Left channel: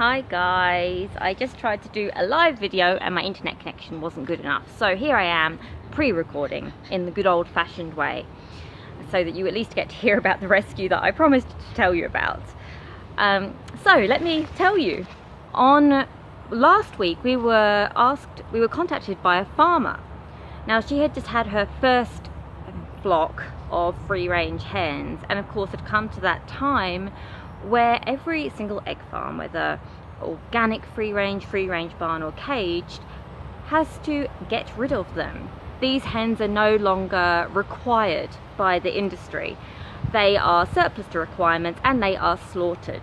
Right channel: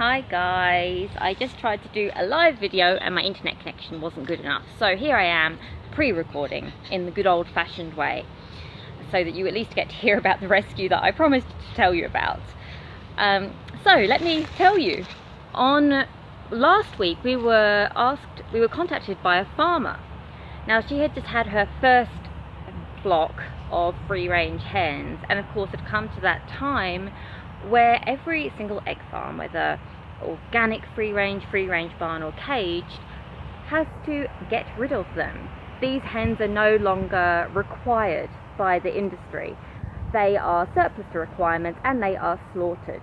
Hi guys, I just tried to do a live video and my internet connection wasn't good enough. So here I am pre-recording in the good old-fashioned way so that you at least get to hear about the rescue that I promised to tell you about. So let me tell you, on last week we were contacted by a farmer. Now she had just had her first flock of free-range hens, and of course had come to that time where every single egg farm, whether organic free-range barn or caged, has to get rid of them. These hens are no longer required by the industry. They are surplus to requirements and they are slaughtered.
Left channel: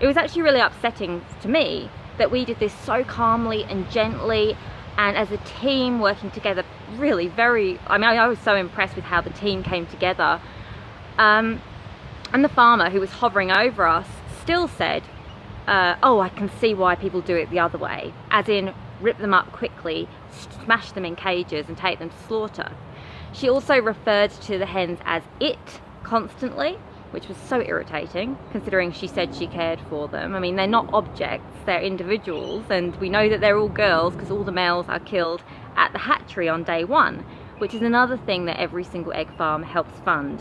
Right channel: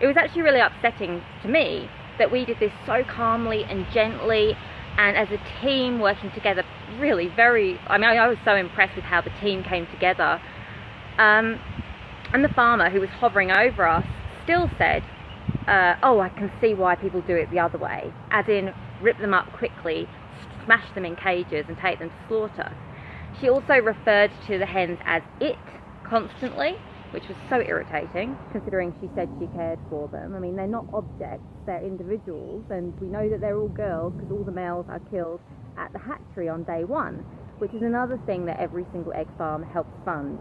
It was actually really upsetting to me that we did this so calmly and gently, and as a team working together, really I was so impressed with how the team came together. And the farmer, who was hovering over us, still said, oh, I can see why people do it the other way, as in rip them up quickly, smash them in cages and take them to slaughter. She also referred to the hens as it constantly, which was so irritating, considering she said she cared for them. I mean, they're not objects, they're individuals, and we know that they're all girls because all the males are killed at the hatchery on day one, which is another thing that every single egg farm helps fund.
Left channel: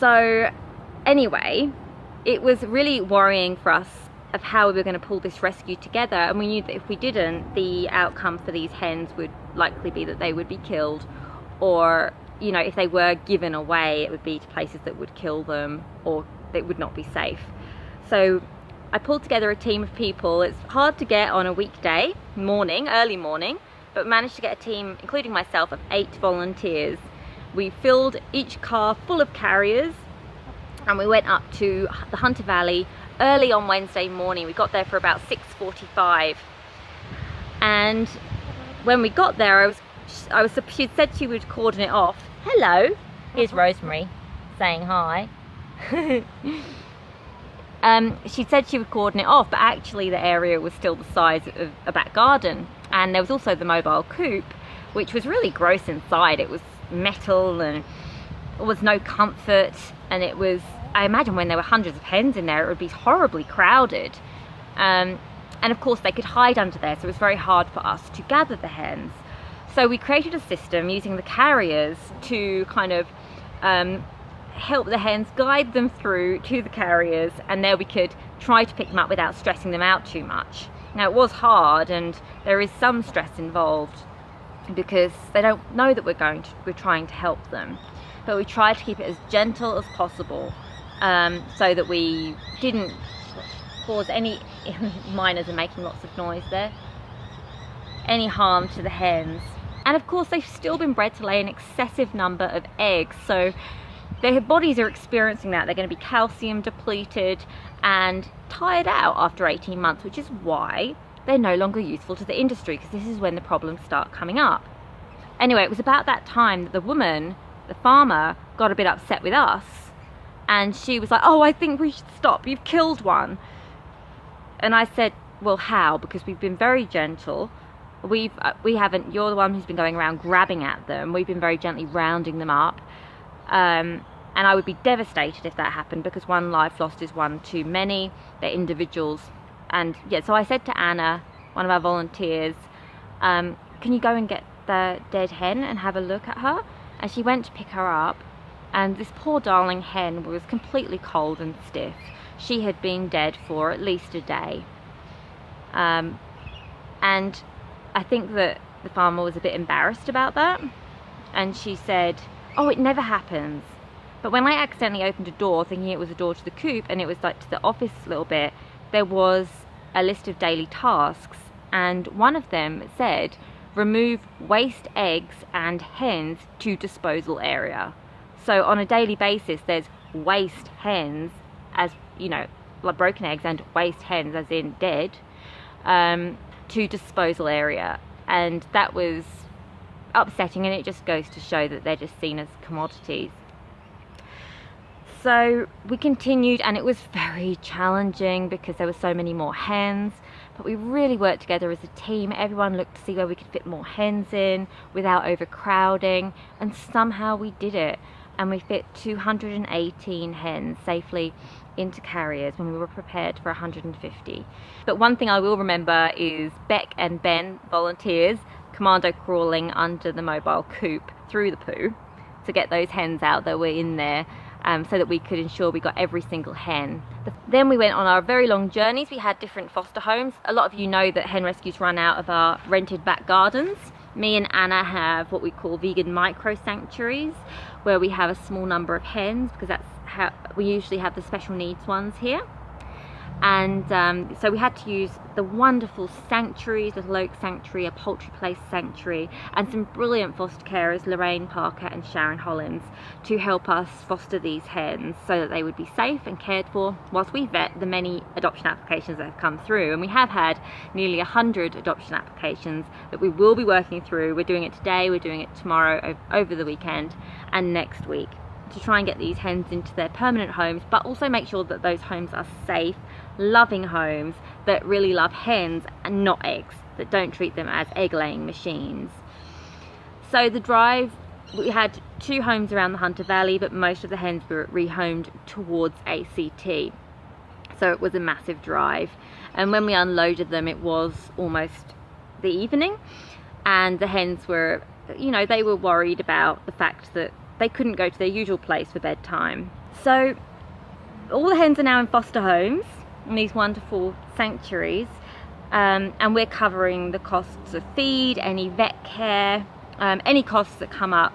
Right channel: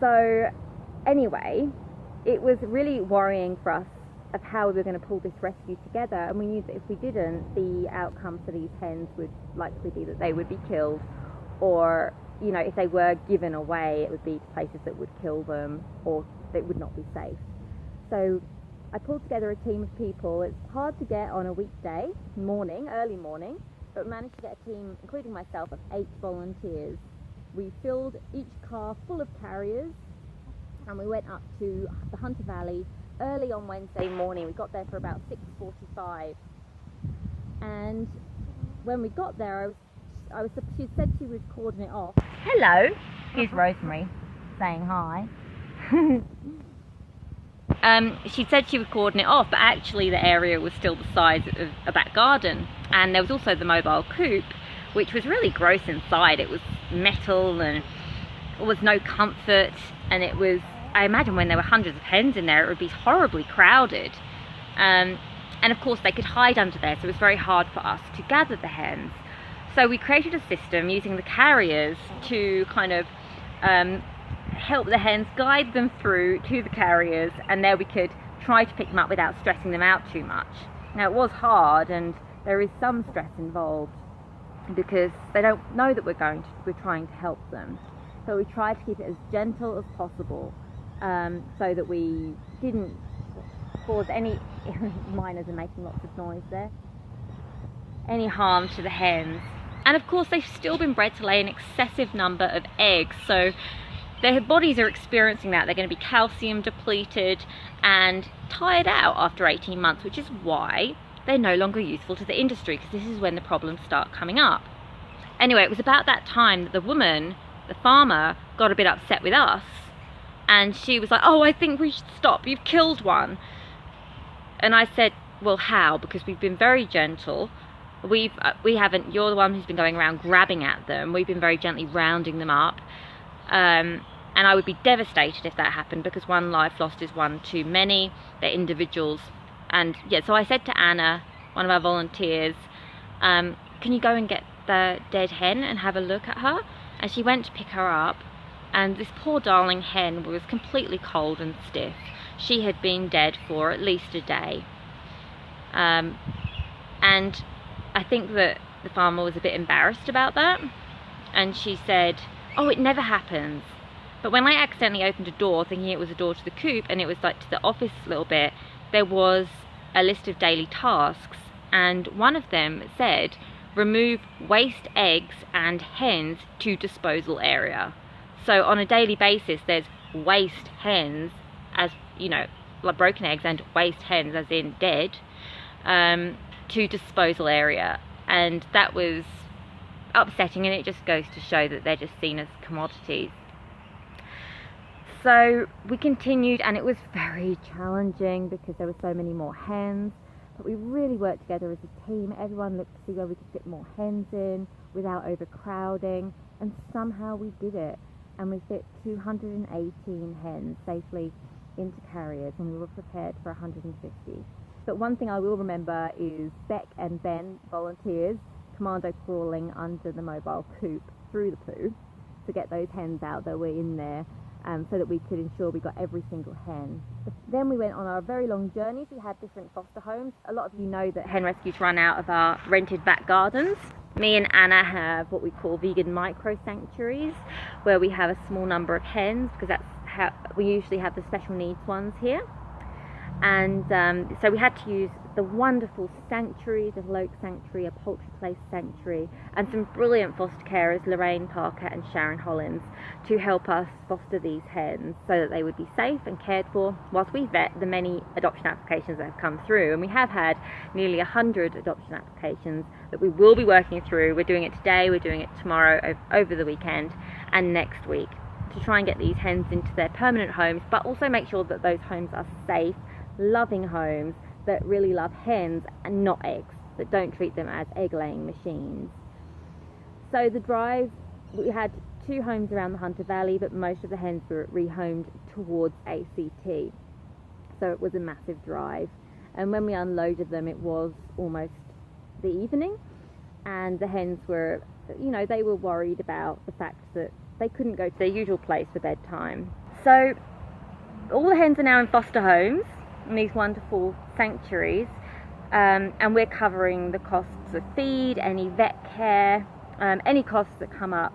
So anyway, it was really worrying for us of how we were going to pull this rescue together, and we knew that if we didn't, the outcome for these hens would likely be that they would be killed, or if they were given away, it would be to places that would kill them or that would not be safe. So I pulled together a team of people. It's hard to get on a weekday morning, early morning, but managed to get a team, including myself, of 8 volunteers. We filled each car full of carriers and we went up to the Hunter Valley early on Wednesday morning. We got there for about 6:45, and when we got there, she said she would cordon it off. Hello, here's Rosemary saying hi. She said she would cordon it off, but actually the area was still the size of a back garden, and there was also the mobile coop, which was really gross inside. It was metal and there was no comfort, and it was, I imagine when there were hundreds of hens in there, it would be horribly crowded, and of course they could hide under there, so it was very hard for us to gather the hens. So we created a system using the carriers to kind of help the hens, guide them through to the carriers, and there we could try to pick them up without stressing them out too much. Now it was hard, and there is some stress involved because they don't know that we're trying to help them, but we tried to keep it as gentle as possible, so that we didn't cause any miners are making lots of noise there, any harm to the hens. And of course they've still been bred to lay an excessive number of eggs, so their bodies are experiencing that. They're going to be calcium depleted and tired out after 18 months, which is why they're no longer useful to the industry, because this is when the problems start coming up. Anyway, it was about that time that the farmer, got a bit upset with us, and she was like, oh, I think we should stop, you've killed one. And I said, well, how? Because we've been very gentle. We haven't, you're the one who's been going around grabbing at them. We've been very gently rounding them up. And I would be devastated if that happened, because one life lost is one too many. They're individuals. And yeah, so I said to Anna, one of our volunteers, can you go and get the dead hen and have a look at her? And she went to pick her up, and this poor darling hen was completely cold and stiff. She had been dead for at least a day. And I think that the farmer was a bit embarrassed about that, and she said, oh, it never happens. But when I accidentally opened a door thinking it was a door to the coop, and it was like to the office a little bit, there was a list of daily tasks, and one of them said, remove waste eggs and hens to disposal area. So on a daily basis there's waste hens, as like broken eggs, and waste hens as in dead, to disposal area. And that was upsetting, and it just goes to show that they're just seen as commodities. So we continued, and it was very challenging because there were so many more hens, but we really worked together as a team. Everyone looked to see where we could fit more hens in without overcrowding, and somehow we did it. and we fit 218 hens safely into carriers when we were prepared for 150. But one thing I will remember is Beck and Ben, volunteers, commando crawling under the mobile coop through the poo to get those hens out that were in there, so that we could ensure we got every single hen. Then we went on our very long journeys. We had different foster homes. A lot of you know that hen rescues run out of our rented back gardens. Me and Anna have what we call vegan micro sanctuaries, where we have a small number of hens, because that's how we usually have the special needs ones here. And so we had to use the wonderful sanctuaries, Little Oak Sanctuary, a Poultry Place Sanctuary, and some brilliant foster carers, Lorraine Parker and Sharon Hollins, to help us foster these hens so that they would be safe and cared for whilst we vet the many adoption applications that have come through. And we have had nearly 100 adoption applications that we will be working through. We're doing it today, we're doing it tomorrow, over the weekend, and next week, to try and get these hens into their permanent homes, but also make sure that those homes are safe, loving homes that really love hens and not eggs, that don't treat them as egg laying machines. So the drive, we had 2 homes around the Hunter Valley, but most of the hens were rehomed towards ACT, so it was a massive drive. And when we unloaded them, it was almost the evening, and the hens were, you know, they were worried about the fact that they couldn't go to their usual place for bedtime. So all the hens are now in foster homes in these wonderful sanctuaries, and we're covering the costs of feed, any vet care, any costs that come up,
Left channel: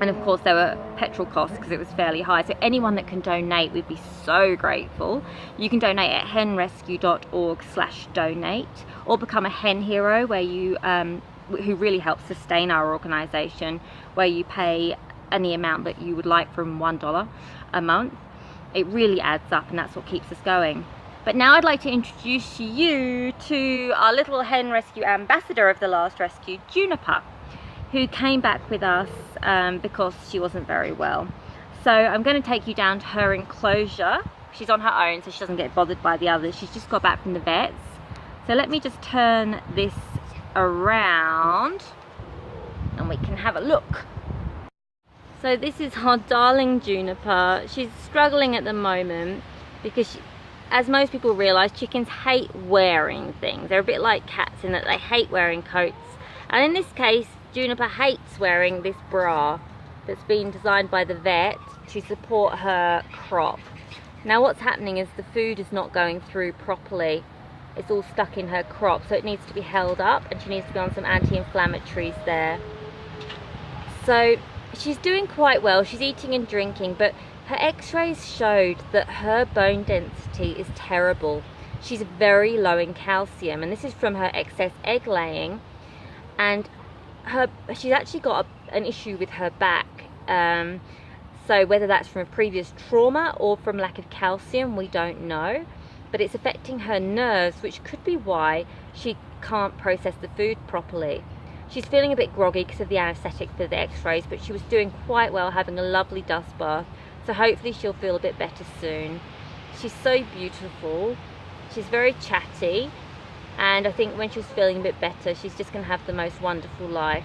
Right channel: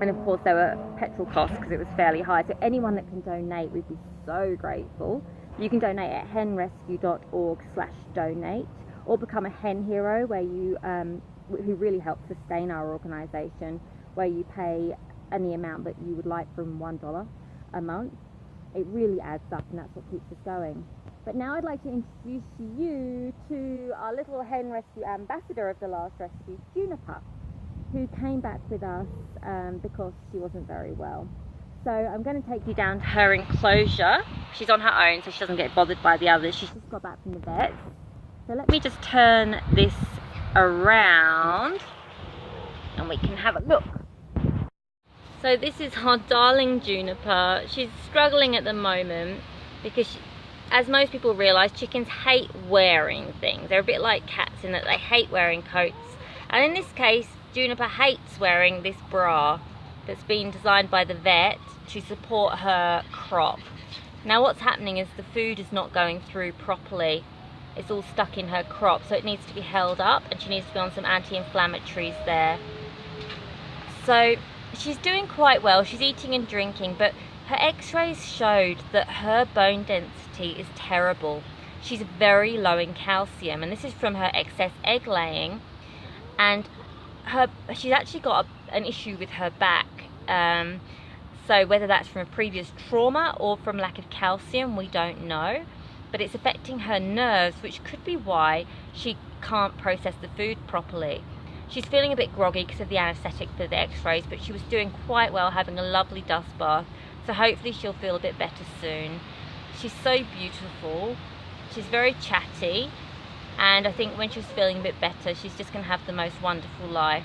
and of course there were petrol costs because it was fairly high. So anyone that can donate, we'd be so grateful. You can donate at henrescue.org/donate, or become a hen hero, where you who really helps sustain our organisation, where you pay any amount that you would like, from $1 a month. It really adds up, and that's what keeps us going. But now I'd like to introduce you to our little hen rescue ambassador of the last rescue, Juniper, who came back with us because she wasn't very well. So I'm going to take you down to her enclosure. She's on her own, so she doesn't get bothered by the others. She's just got back from the vets. So let me just turn this around and we can have a look. So this is our darling Juniper. She's struggling at the moment because as most people realise, chickens hate wearing things. They're a bit like cats in that they hate wearing coats. And in this case, Juniper hates wearing this bra that's been designed by the vet to support her crop. Now what's happening is the food is not going through properly. It's all stuck in her crop, so it needs to be held up, and she needs to be on some anti-inflammatories there. So she's doing quite well. She's eating and drinking, but her x-rays showed that her bone density is terrible. She's very low in calcium, and this is from her excess egg laying, and she's actually got an issue with her back. So whether that's from a previous trauma or from lack of calcium, we don't know, but it's affecting her nerves, which could be why she can't process the food properly. She's feeling a bit groggy because of the anaesthetic for the x-rays, but she was doing quite well, having a lovely dust bath. So hopefully she'll feel a bit better soon. She's so beautiful. She's very chatty. And I think when she's feeling a bit better, she's just going to have the most wonderful life.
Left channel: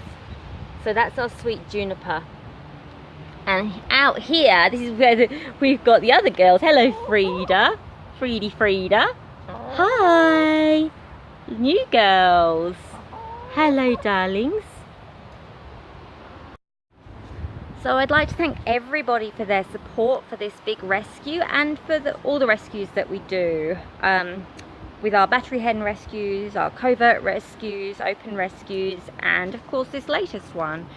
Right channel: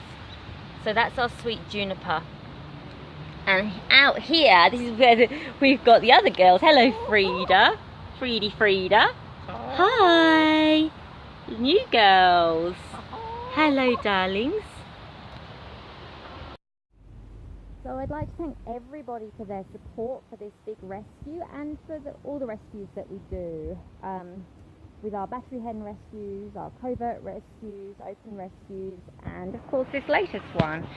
So that's our sweet Juniper. And out here, this is where we've got the other girls. Hello, Frida. Frida. Hi. New girls. Hello, darlings. So I'd like to thank everybody for their support for this big rescue, and for all the rescues that we do. With our battery hen rescues, our covert rescues, open rescues, and of course this latest one.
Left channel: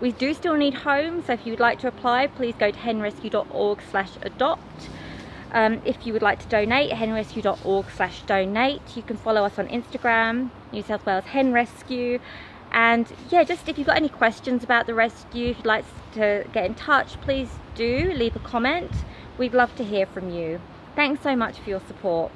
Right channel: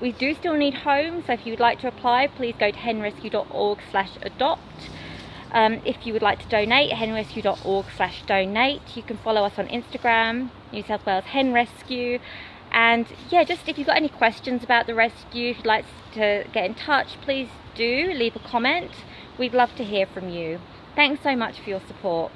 We do still need homes, so if you would like to apply, please go to henrescue.org/adopt. If you would like to donate, henrescue.org/donate. You can follow us on Instagram, New South Wales Hen Rescue. And yeah, just if you've got any questions about the rescue, if you'd like to get in touch, please do leave a comment. We'd love to hear from you. Thanks so much for your support.